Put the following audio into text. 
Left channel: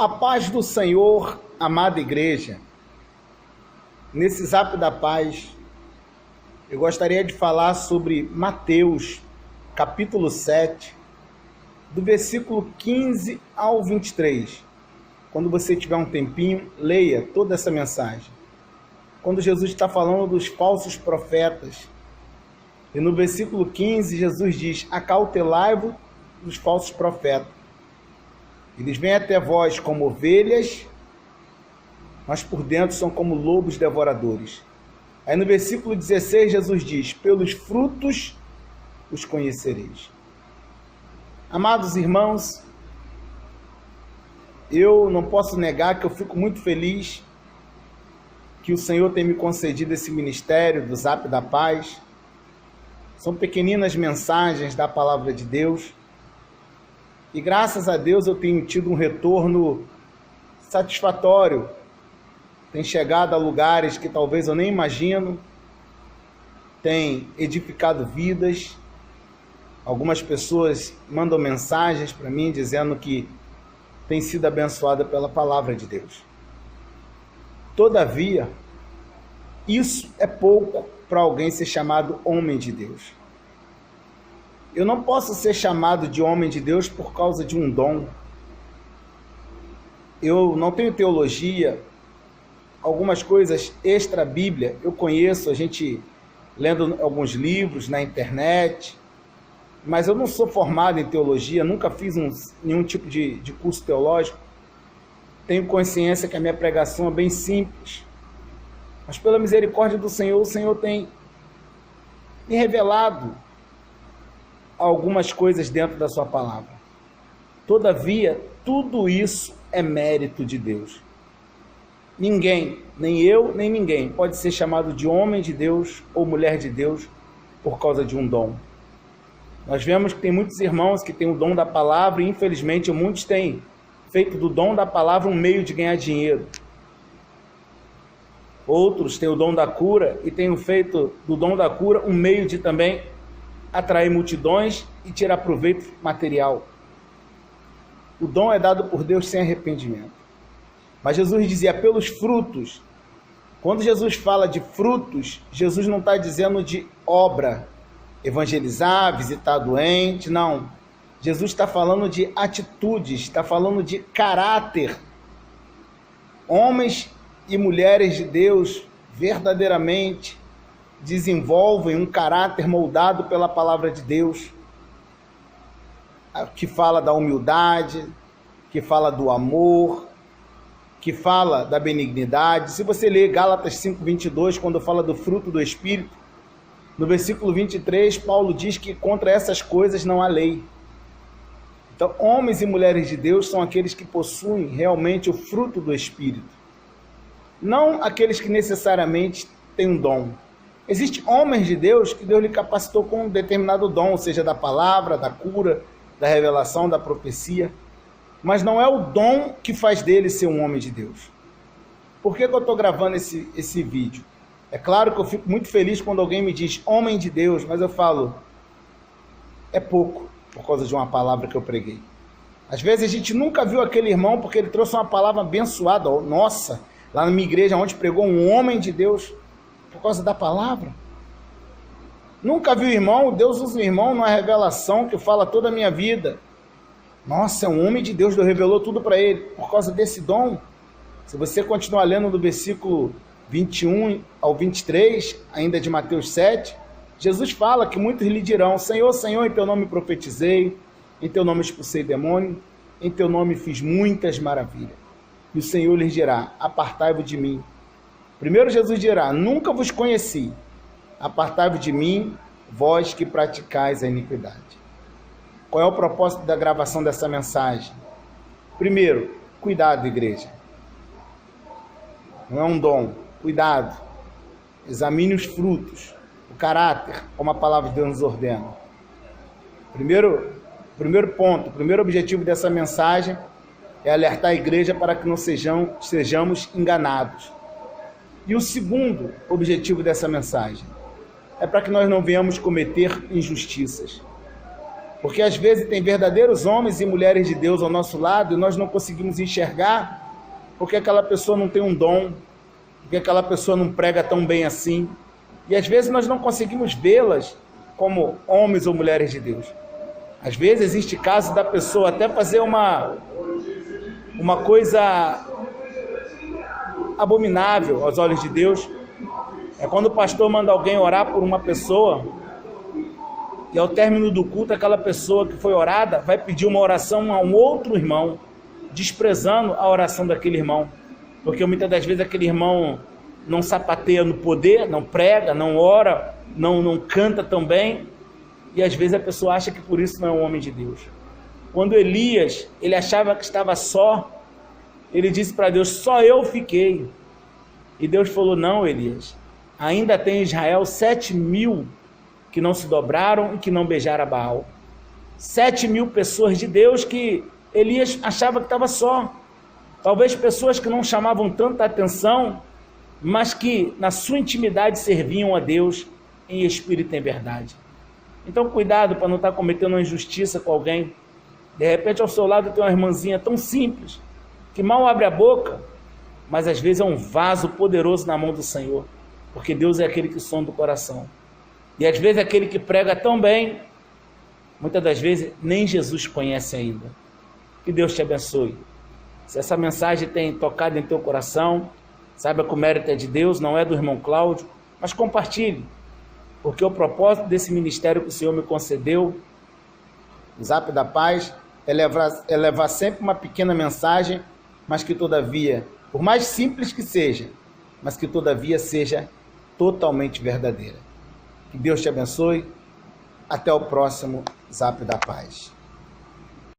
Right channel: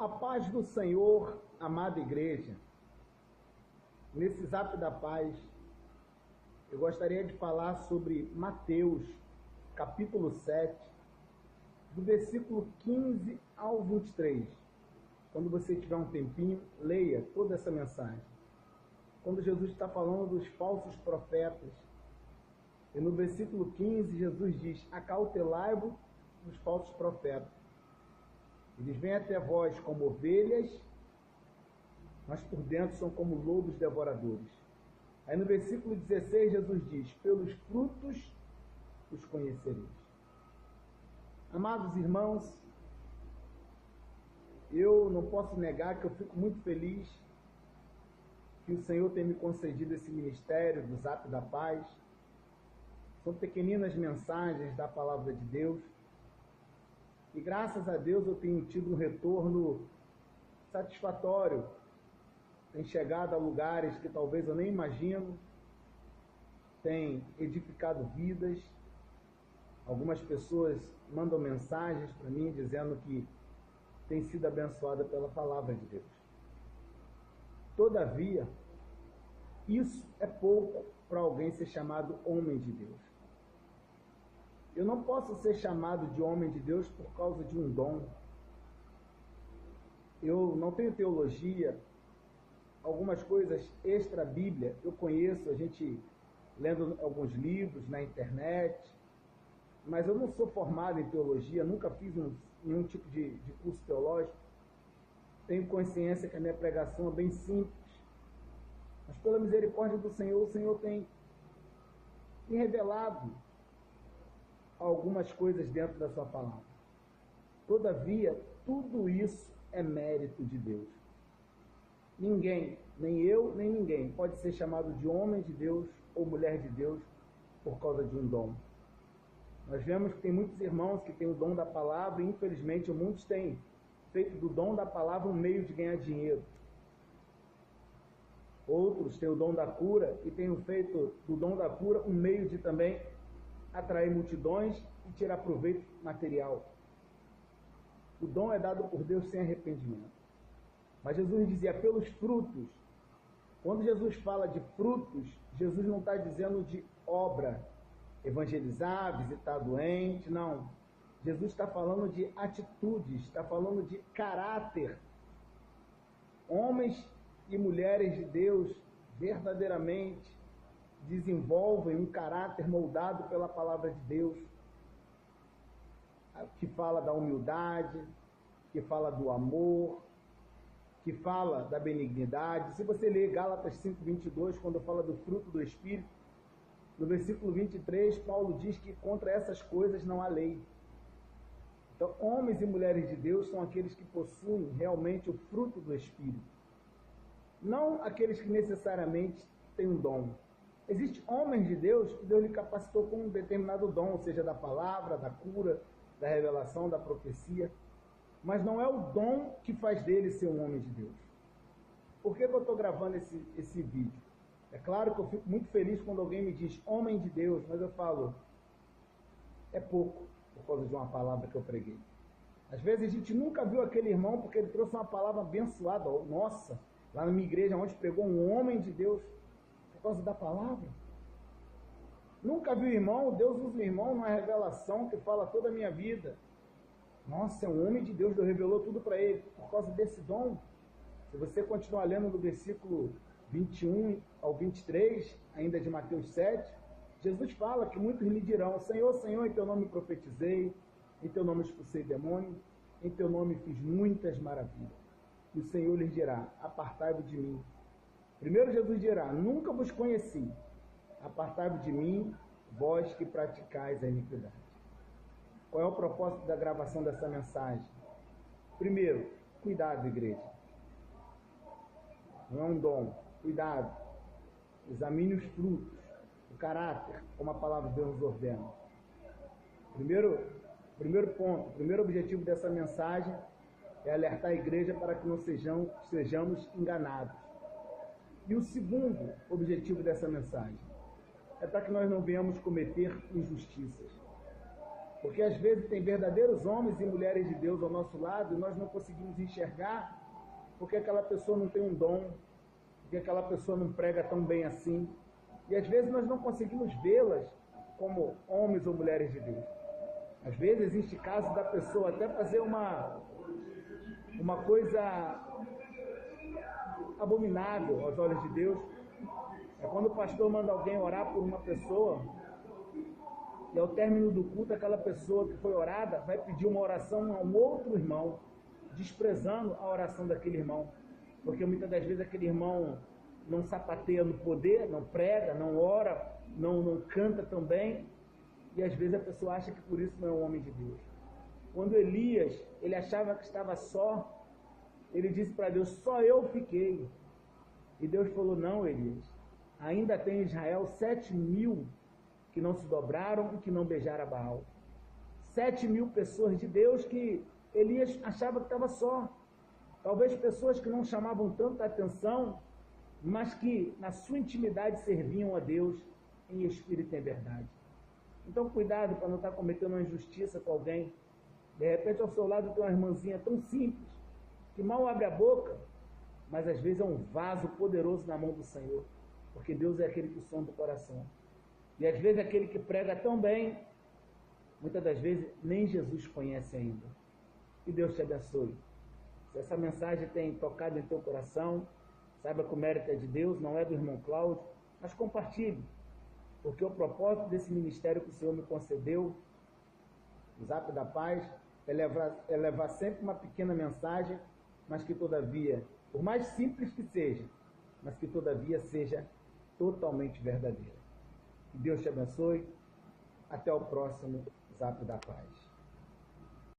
A paz do Senhor, amada igreja. Nesse Zap da Paz, eu gostaria de falar sobre Mateus, capítulo 7, do versículo 15 ao 23. Quando você tiver um tempinho, leia toda essa mensagem. Quando Jesus está falando dos falsos profetas, e no versículo 15, Jesus diz: acautelai-vos dos falsos profetas. Eles vêm até vós como ovelhas, mas por dentro são como lobos devoradores. Aí no versículo 16, Jesus diz: pelos frutos os conhecereis. Amados irmãos, eu não posso negar que eu fico muito feliz que o Senhor tem me concedido esse ministério do Zap da Paz. São pequeninas mensagens da Palavra de Deus. E graças a Deus eu tenho tido um retorno satisfatório. Tem chegado a lugares que talvez eu nem imagino. Tem edificado vidas. Algumas pessoas mandam mensagens para mim dizendo que tem sido abençoada pela Palavra de Deus. Todavia, isso é pouco para alguém ser chamado homem de Deus. Eu não posso ser chamado de homem de Deus por causa de um dom. Eu não tenho teologia, algumas coisas extra-bíblia eu conheço, a gente lendo alguns livros na internet, mas eu não sou formado em teologia, nunca fiz nenhum tipo de curso teológico. Tenho consciência que a minha pregação é bem simples, mas pela misericórdia do Senhor, o Senhor tem me revelado algumas coisas dentro da sua palavra. Todavia, tudo isso é mérito de Deus. Ninguém, nem eu, nem ninguém, pode ser chamado de homem de Deus ou mulher de Deus por causa de um dom. Nós vemos que tem muitos irmãos que têm o dom da palavra e, infelizmente, muitos têm feito do dom da palavra um meio de ganhar dinheiro. Outros têm o dom da cura e têm feito do dom da cura um meio de também atrair multidões e tirar proveito material. O dom é dado por Deus sem arrependimento. Mas Jesus dizia pelos frutos. Quando Jesus fala de frutos, Jesus não está dizendo de obra, evangelizar, visitar doente, não. Jesus está falando de atitudes, está falando de caráter. Homens e mulheres de Deus verdadeiramente desenvolvem um caráter moldado pela palavra de Deus, que fala da humildade, que fala do amor, que fala da benignidade. Se você ler Gálatas 5:22, quando fala do fruto do Espírito, no versículo 23, Paulo diz que contra essas coisas não há lei. Então, homens e mulheres de Deus são aqueles que possuem realmente o fruto do Espírito, não aqueles que necessariamente têm um dom. Existem homens de Deus que Deus lhe capacitou com um determinado dom, seja da palavra, da cura, da revelação, da profecia, mas não é o dom que faz dele ser um homem de Deus. Por que eu estou gravando esse vídeo? É claro que eu fico muito feliz quando alguém me diz homem de Deus, mas eu falo, é pouco por causa de uma palavra que eu preguei. Às vezes a gente nunca viu aquele irmão porque ele trouxe uma palavra abençoada. Nossa, lá na minha igreja onde pregou um homem de Deus, por causa da palavra. Nunca viu o irmão, Deus usa o irmão numa revelação que fala toda a minha vida. Nossa, é um homem de Deus, Deus revelou tudo para ele, por causa desse dom. Se você continuar lendo do versículo 21 ao 23, ainda de Mateus 7, Jesus fala que muitos lhe dirão: Senhor, Senhor, em teu nome profetizei, em teu nome expulsei demônio, em teu nome fiz muitas maravilhas. E o Senhor lhes dirá: apartai-vos de mim. Primeiro Jesus dirá: nunca vos conheci, apartai-vos de mim, vós que praticais a iniquidade. Qual é o propósito da gravação dessa mensagem? Primeiro, cuidado, igreja. Não é um dom, cuidado. Examine os frutos, o caráter, como a palavra de Deus nos ordena. Primeiro ponto, o primeiro objetivo dessa mensagem é alertar a igreja para que não sejamos enganados. E o segundo objetivo dessa mensagem é para que nós não venhamos cometer injustiças. Porque às vezes tem verdadeiros homens e mulheres de Deus ao nosso lado e nós não conseguimos enxergar porque aquela pessoa não tem um dom, porque aquela pessoa não prega tão bem assim. E às vezes nós não conseguimos vê-las como homens ou mulheres de Deus. Às vezes existe caso da pessoa até fazer uma coisa abominável aos olhos de Deus. É quando o pastor manda alguém orar por uma pessoa e ao término do culto aquela pessoa que foi orada vai pedir uma oração a um outro irmão, desprezando a oração daquele irmão, porque muitas das vezes aquele irmão não sapateia no poder, não prega, não ora, não canta tão bem, e às vezes a pessoa acha que por isso não é um homem de Deus. Quando Elias, ele achava que estava só, ele disse para Deus, só eu fiquei. E Deus falou, não, Elias, ainda tem em Israel 7.000 que não se dobraram e que não beijaram a Baal. 7.000 pessoas de Deus que Elias achava que estava só. Talvez pessoas que não chamavam tanta atenção, mas que na sua intimidade serviam a Deus em espírito e em verdade. Então cuidado para não estar cometendo uma injustiça com alguém. De repente ao seu lado tem uma irmãzinha tão simples, que mal abre a boca, mas às vezes é um vaso poderoso na mão do Senhor, porque Deus é aquele que sonda o coração. E às vezes aquele que prega tão bem, muitas das vezes nem Jesus conhece ainda. Que Deus te abençoe. Se essa mensagem tem tocado em teu coração, saiba que o mérito é de Deus, não é do irmão Cláudio, mas compartilhe, porque o propósito desse ministério que o Senhor me concedeu, o Zap da Paz, é levar sempre uma pequena mensagem, mas que todavia, por mais simples que seja, mas que todavia seja totalmente verdadeira. Que Deus te abençoe. Até o próximo Zap da Paz.